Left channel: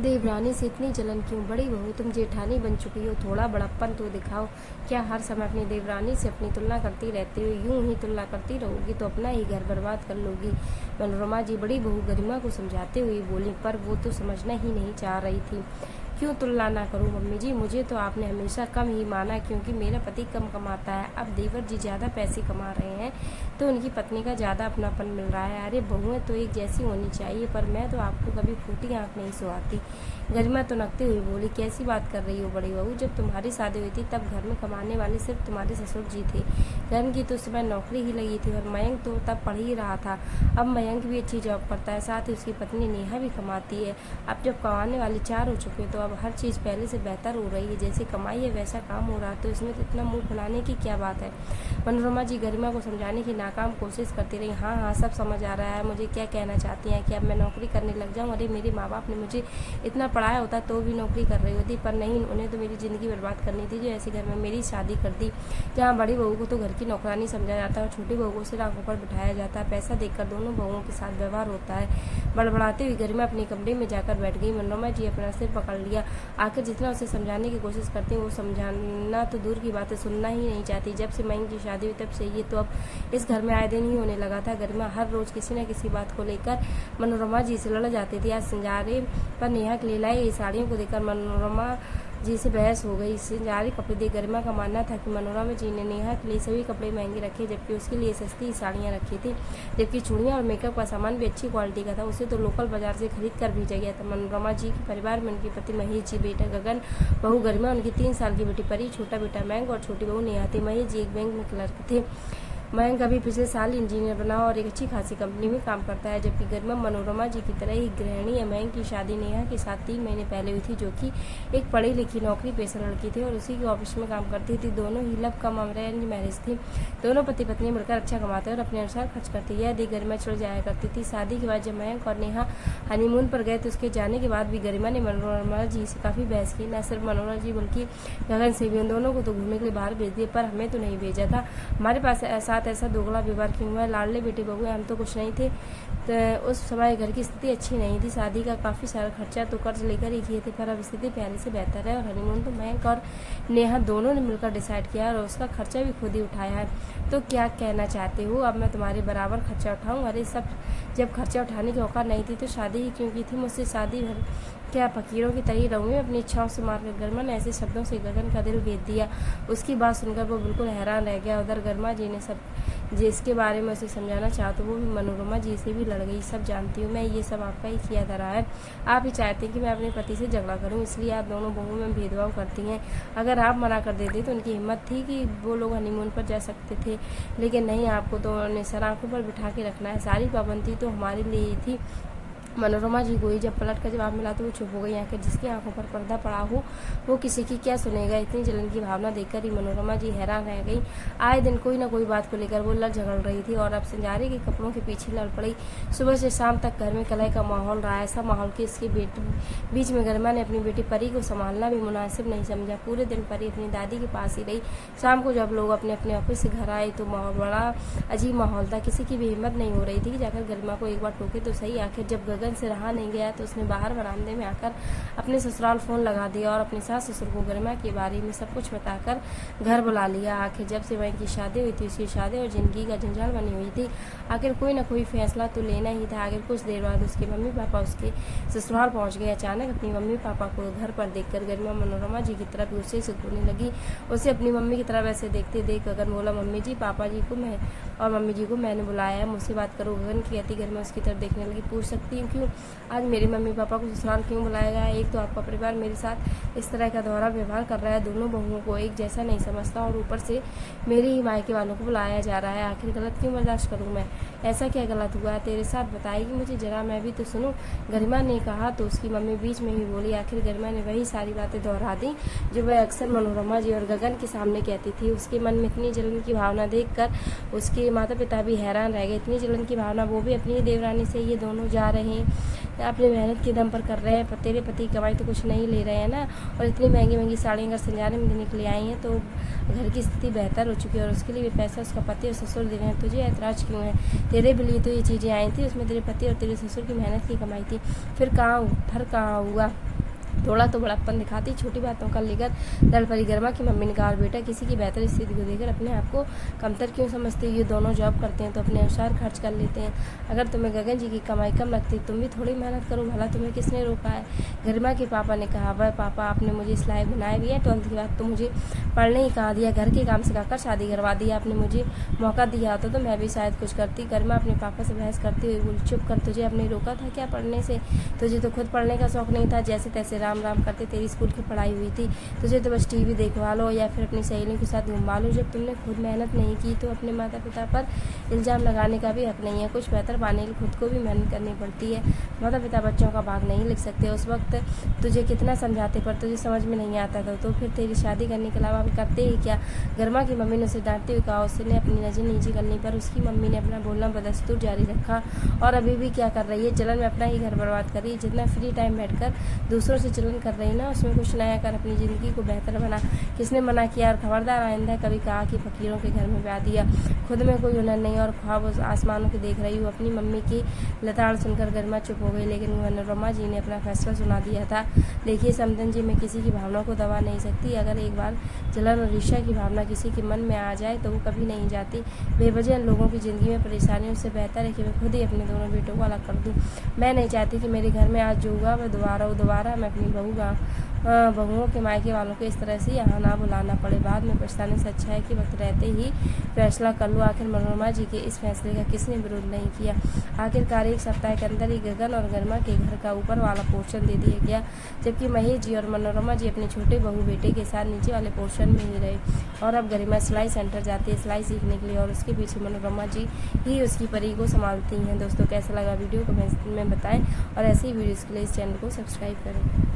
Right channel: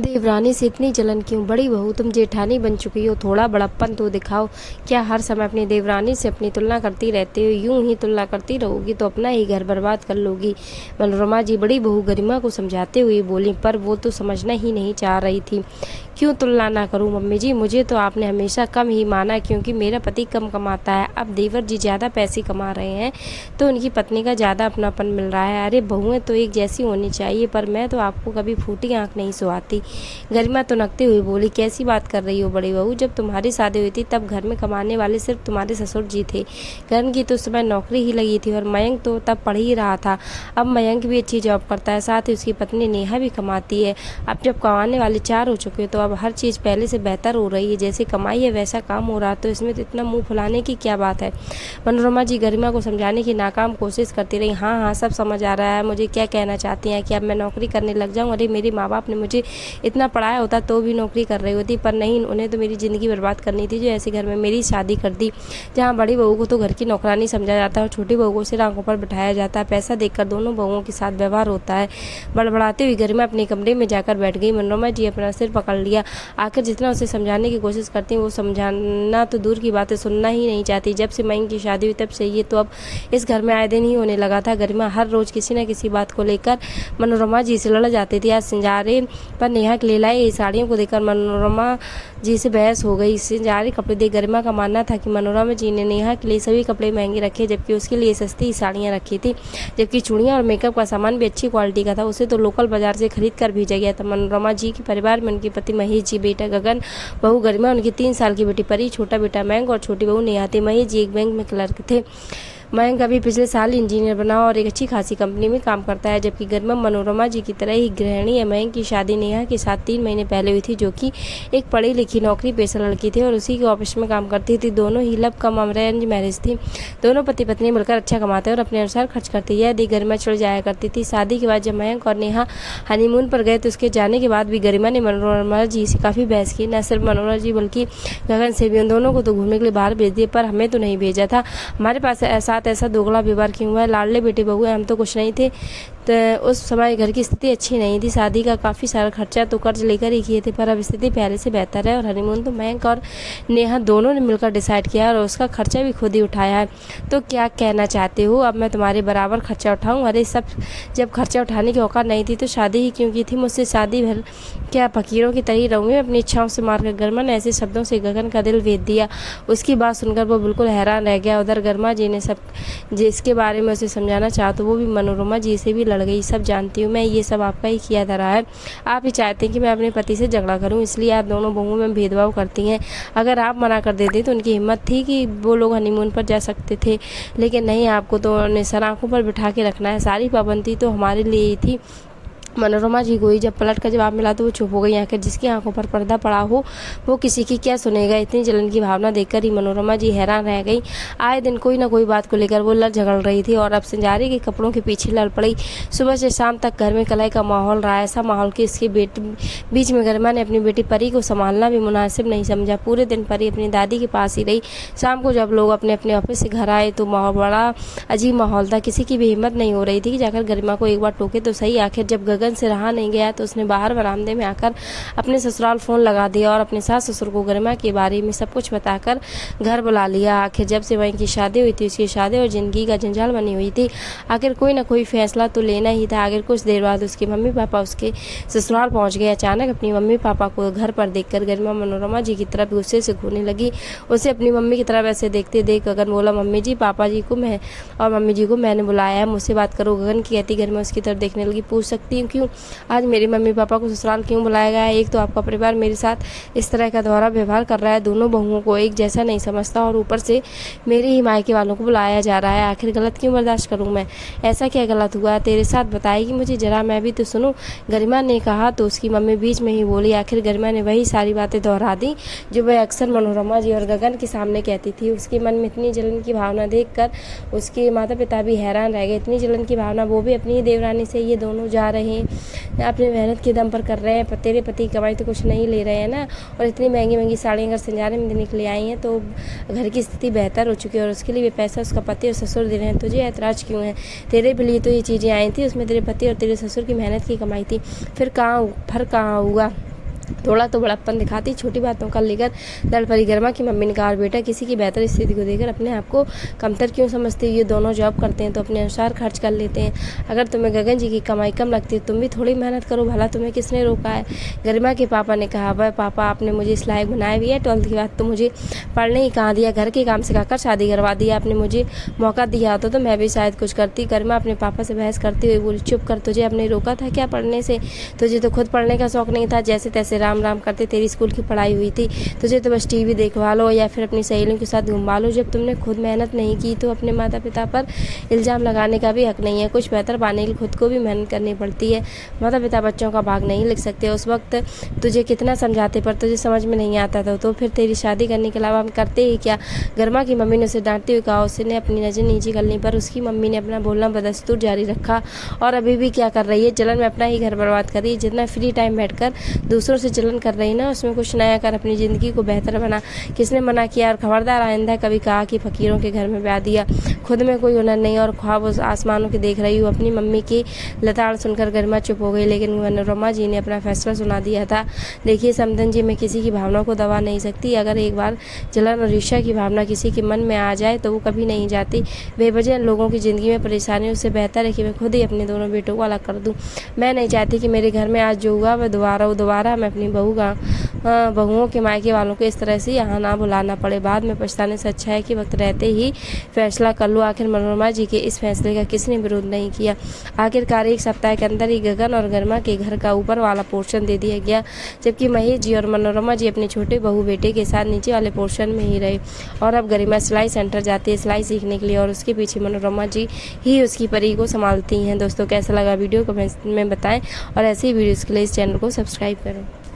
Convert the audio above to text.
देवरानी से इतनी जलन क्यों? बड़ी बहू तुम जेठानी बन चुकी हो, थोड़ा बड़प्पन तो दिखाओ। क्या हर समय अपनी देवरानी से अपनी तुलना करती रहती हो? यूं ही तुलना करती रहोगी तो अपना ही घर बर्बाद कर लोगी। मनोरमा जी बड़ी बहू गरिमा को समझाते हुए बोली, पर वो तो समझना ही नहीं चाह रही थी। क्यों तुलना ना करूं मम्मी जी? मुझे तो आपने हमेशा कम ही माना, क्योंकि मेरा पति कम कमाता है। अब देवर जी ज़्यादा पैसे कमा रहे हैं तो उनकी पत्नी का ज़्यादा अपनापन मिल रहा है। अरे बहुएं तो एक जैसी होनी चाहिए, पर मैं तो आपको कभी फूटी आंख नहीं सुहाती। गरिमा तुनकते हुए बोली, कैसी बात कर रही हो बड़ी बहू? जब तुम्हारी शादी हुई थी तब घर में कमाने वाले सिर्फ तुम्हारे ससुर जी थे। करण की तो उस समय नौकरी ही लगी थी और मयंक तो तब पढ़ ही रहा था। अब मयंक भी अच्छी जॉब करता है, साथ ही उसकी पत्नी नेहा भी कमाती है। अब जब कमाने वाले 4 हो चुके तो अब हर चीज़ पहले से बेहतर हो रही है। जैसे कमाई है वैसा काम हो रहा, तो इसमें तो इतना मुंह फुलाने की क्या बात है? मनोरमा जी गरिमा को समझाने की नाकाम कोशिश करती रही। हाँ हाँ, सब समझ आ रहा है मुझे क्या कहना चाहती हैं कि अब मैं नौकरी करने लग जाऊँ। अरे मेरे माँ बाप ने मुझे इतना पढ़ाया होता तो भी नौकरी कर रही होती, पर नहीं, उन्हें तो मेरी ज़िंदगी बर्बाद करनी थी जो ऐसे घर में मेरी शादी कर दी, जहाँ बड़ी बहू को तो घर की नौकरानी समझा जाता है और छोटी बहू को सिर आंखों पर बिठाया जाता है। पैसा देखकर दोनों बहुओं के साथ व्यवहार होता है। बड़बड़ाते हुए गरिमा अपने कमरे में जाकर बैठ गई। मनोरमा जी अपना सिर पकड़ लिया। आखिर जितना उसे समझाने की कोशिश करती हैं वो समझाना तो दूर की बात है, सुनना ही नहीं चाहती। जब से मयंक की शादी हुई तब से ये तो अब इस घर में आए दिन ही होने लगा था। गरिमा हर रोज़ किसी न किसी बात को लेकर मनोरमा जी से लड़ जाती थी। आज सिंजारे पर नेहा के लिए लाई साड़ियों को देखकर मनोरमा जी से बहस हो गई। सिंजारे कपड़े देख गरिमा का मानना था कि मनोरमा जी ने नेहा के लिए सभी कपड़े महंगे रखे, जबकि उसके लिए सस्ती साड़ियाँ रखी थी। जबकि चूड़ियाँ और मेकअप का सामान भी अच्छी क्वालिटी का था, उसे तो लोकल बाजार से खरीद कर भेजा गया था। मनोरमा जी के परिवार में उनके पति महेश जी, बेटा गगन, बहू गरिमा, उनकी 3 साल की बेटी परी, छोटा बेटा मयंक और छोटी बहू नेहा थी। महेश जी एक बैंक में क्लर्क थे। मयंक अभी पिछले साल इंजीनियर बना और एक अच्छी खासी कंपनी में काम करता है, जबकि गरिमा मनोरमा जी की तरह ही गृहिणी है। मयंक की शादी नेहा के साथ 3 महीने पहले हुई थी, जो कि एक पढ़ी लिखी नौकरी पेशा लड़की थी और उसी के ऑफिस में काम करती थी। दोनों ही लव कम अरेंज मैरिज थी। दोनों पति पत्नी मिलकर अच्छा कमाते और अपने अनुसार खर्च करती। यह देख गरिमा चिढ़ जाया करती थी। शादी के बाद जब मयंक और नेहा हनीमून पर गए तो उसके जाने के बाद भी गरिमा ने मनोरमा जी से काफ़ी बहस की। न सिर्फ मनोरमा जी बल्कि गगन से भी। उन दोनों को तो घूमने के लिए बाहर भेज दिए, पर हमें तो नहीं भेजा था। हमारे पास ऐसा दोगला व्यवहार क्यों हुआ है? लाडले बेटे बहू हम तो कुछ नहीं थे। तो उस समय घर की स्थिति अच्छी नहीं थी। शादी का काफ़ी सारा खर्चा तो कर्ज लेकर ही किए थे, पर अब स्थिति पहले से बेहतर है और हनीमून तो मयंक और नेहा दोनों ने मिलकर डिसाइड किया और उसका खर्चा भी खुद ही उठाया है। तो क्या कहना चाहते हो, अब मैं तुम्हारे बराबर खर्चा उठाऊँ? अरे सब जब खर्चा उठाने की औकात नहीं थी तो शादी ही क्यों की थी? मुझसे शादी भर क्या फकीरों की तरह रहूँगी अपनी इच्छाओं से मारकर? गरिमा ने ऐसे शब्दों से गगन का दिल भेद दिया। उसकी बात सुनकर वो बिल्कुल हैरान रह गया। उधर गरिमा जी ने सब जिसके बारे में उसे समझाना चाहा तो वो भी मनोरमा जी से भी लड़ गई। सब जानती हूँ मैं, ये सब आपका ही किया धरा है। आप ही चाहते हैं कि मैं अपने पति से झगड़ा करूँ, इसलिए आप दोनों बहुओं में भेदभाव करती हैं। अगर आप मना कर देते तो उनकी हिम्मत थी कि वो लोग हनीमून पर जा सकते थे, लेकिन नहीं, आपको तो उन्हें सर आँखों पर बिठा के रखना है। सारी पाबंदी तो हमारे लिए ही थी। मनोरमा जी को ही जब पलट कर जवाब मिला तो वो चुप हो गई। आखिर जिसकी आंखों पर पर्दा पड़ा हो वो किसी की क्या सुनेगा? इतनी जलन की भावना देखकर ही मनोरमा जी हैरान रह गई। आए दिन कोई ना कोई बात को लेकर वो लड़ झगड़ रही थी और अब सिंजारे के कपड़ों के पीछे लड़ पड़ी। सुबह से शाम तक घर में कलह का माहौल रहा। ऐसा माहौल कि इसके बीच में गरिमा ने अपनी बेटी परी को संभालना भी मुनासिब नहीं समझा। पूरे दिन परी अपनी दादी के पास ही रही। शाम को जब लोग अपने अपने ऑफिस से घर आए तो बड़ा अजीब माहौल था। किसी की भी हिम्मत नहीं हो रही थी कि जाकर गरिमा को एक बार टोके तो सही। आखिर जब गगन से रहा नहीं गया तो उसने बाहर बरामदे में आकर अपने ससुराल फ़ोन लगा दिया और अपने सास ससुर को गरिमा के बारे में सब कुछ बताकर घर बुला लिया। आखिर जब से वहीं की शादी हुई थी उसकी शादी और ज़िंदगी का जंजाल बनी हुई थी। आखिर कोई ना कोई फैसला तो लेना ही था। आखिर कुछ देर बाद उसके मम्मी पापा उसके ससुराल पहुंच गए। अचानक अपनी मम्मी पापा को घर पर देखकर गरिमा मनोरमा जी की तरफ गुस्से से घूरने लगी। उसे अपनी मम्मी की तरफ ऐसे देखते देख गगन बोला, मम्मी जी पापा जी को मैं और मम्मी जी को मैंने बुलाया है, मुझसे बात करो। गगन की कहती गरिमा उसकी तरफ देखने लगी। पूछ सकती हूँ क्यों? आज मेरे मम्मी पापा को ससुराल क्यों बुलाया गया है? एक तो आपका परिवार मेरे साथ इस तरह का दोहरा व्यवहार कर रहा है, दोनों बहुओं को एक जैसा नहीं समझता और ऊपर से मेरे ही मायके वालों को बुलाया जा रहा है। आखिर गलत क्यों बर्दाश्त करूं मैं? ऐसा क्या गलत हुआ तेरे साथ? बताएगी मुझे जरा, मैं भी तो सुनूं। गरिमा ने कहा तो उसकी मम्मी बीच में ही बोली। आखिर गरिमा ने वही सारी बातें दोहरा दी जो वह अक्सर मनोरमा जी और गगन के सामने कहती थी। उसके मन में इतनी जलन की भावना देखकर उसके माता पिता भी हैरान रह गए। इतनी जलन की भावना, वो भी अपनी देवरानी से, ये दोनों जा रहे हैं अपनी मेहनत के दम पर कर रहे हैं। तेरे पति की कमाई तो कुछ नहीं ले रहे हैं ना, और इतनी महंगी महंगी साड़ियाँ अगर संजाने में देने के लिए आई हैं तो घर की स्थिति बेहतर हो चुकी है और उसके लिए भी पैसा उसका पति और ससुर दे रहे हैं। तुझे ऐतराज़ क्यों है? तेरे भी लिए तो ये चीज़ें आई थी, उसमें तेरे पति और तेरे ससुर की मेहनत की कमाई थी। फिर कहाँ फर्क कहाँ हुआ? थोड़ा तो बड़प्पन दिखाती, छोटी बातों का लेकर लड़ पड़ी गरिमा की मम्मी ने कहा, और बेटा किसी की बेहतर स्थिति को देखकर अपने आप को कमतर क्यों समझते हो? ये दोनों जॉब करते हैं तो अपने अनुसार खर्च कर लेते हैं। अगर तुम्हें गगन जी की कमाई कम लगती है तुम भी थोड़ी मेहनत करो, भला तुम्हें किसने रोका है? गरिमा के पापा ने कहा, वह पापा आपने मुझे इस लायक बनाया भी है, 12th के बाद तो मुझे पढ़ने ही कहाँ दिया, घर के काम सिखाकर शादी करवा दिया। आपने मुझे मौका दिया होता तो मैं भी शायद कुछ करती। गरिमा अपने पापा से बहस करती हुई बोली, चुप कर, तुझे आपने रोका था क्या पढ़ने से? तुझे तो खुद पढ़ने का शौक नहीं था, जैसे तैसे राम राम करते तेरी स्कूल की पढ़ाई हुई थी। तुझे तो बस टीवी देखवा लो या फिर अपनी सहेलियों के साथ घुमा लो। जब तुमने खुद मेहनत नहीं की तो अपने माता पिता पर इल्ज़ाम लगाने का भी हक नहीं है। कुछ बेहतर पाने के लिए खुद को भी मेहनत करनी पड़ती है। माता पिता बच्चों का भाग नहीं लिख सकते। उस वक्त तुझे कितना समझाते पर तुझे समझ में नहीं आता था, तो फिर तेरी शादी करने के अलावा हम करते ही क्या? गरिमा की मम्मी ने उसे डांटते हुए कहा। उसने अपनी नज़र नीचे करने पर उसकी मम्मी ने अपना बोलना बदस्तूर जारी रखा। और अभी भी क्या कर रही है? जलन में अपना ही घर बर्बाद कर रही है। जितना फ्री टाइम बैठकर दूसरों से जलन कर रही ना, उसमें कुछ नया कर अपनी ज़िंदगी को बेहतर बना। किसने मना किया? और खबरदार आइंदा कभी कहा कि फ़कीरों के घर में ब्याह दिया। खुद में कोई हुनर नहीं और ख्वाब उस आसमानों के देख रही हूँ। अपनी मम्मी की लताड़ सुनकर गरिमा चुप हो गई, लेकिन मनोरमा जी ने अपना फैसला सुना दिया था। देखिए समदन जी, मैं किसी की भावना को दबा नहीं सकती। अगर एक बार जलन और ईर्ष्या की भावना किसी के मन में आ जाए तो वो कभी नहीं जाती। बेवजह लोगों की ज़िंदगी में परेशानी, उससे बेहतर है कि मैं खुद ही अपने दोनों बेटों को अलग कर दूँ। मैं नहीं चाहती कि मेरे घर में आज जो हुआ वह दोबारा मैं अपनी बहुओं के मायके वालों को इस तरह से यहाँ ना बुलाना पड़े। बाद में पछताने से अच्छा है कि वक्त रहते ही फैसला कर लो। आखिर मनोरमा जी के इस फैसले का किसने विरोध नहीं किया? आखिरकार एक सप्ताह के अंदर ही गगन और गरिमा के घर का ऊपर वाला पोर्शन दे दिया गया, जबकि महेश जी और मनोरमा जी अपने छोटे बहू बेटे के साथ नीचे वाले पोर्शन में ही रहे। और अब गरिमा सिलाई सेंटर जाती है सिलाई सीखने के लिए, और उसके पीछे मनोरमा जी ही उसकी परी को संभालती हैं। दोस्तों कैसा लगा वीडियो कमेंट में बताएं, और ऐसी वीडियोज़ के लिए इस चैनल को सब्सक्राइब करें।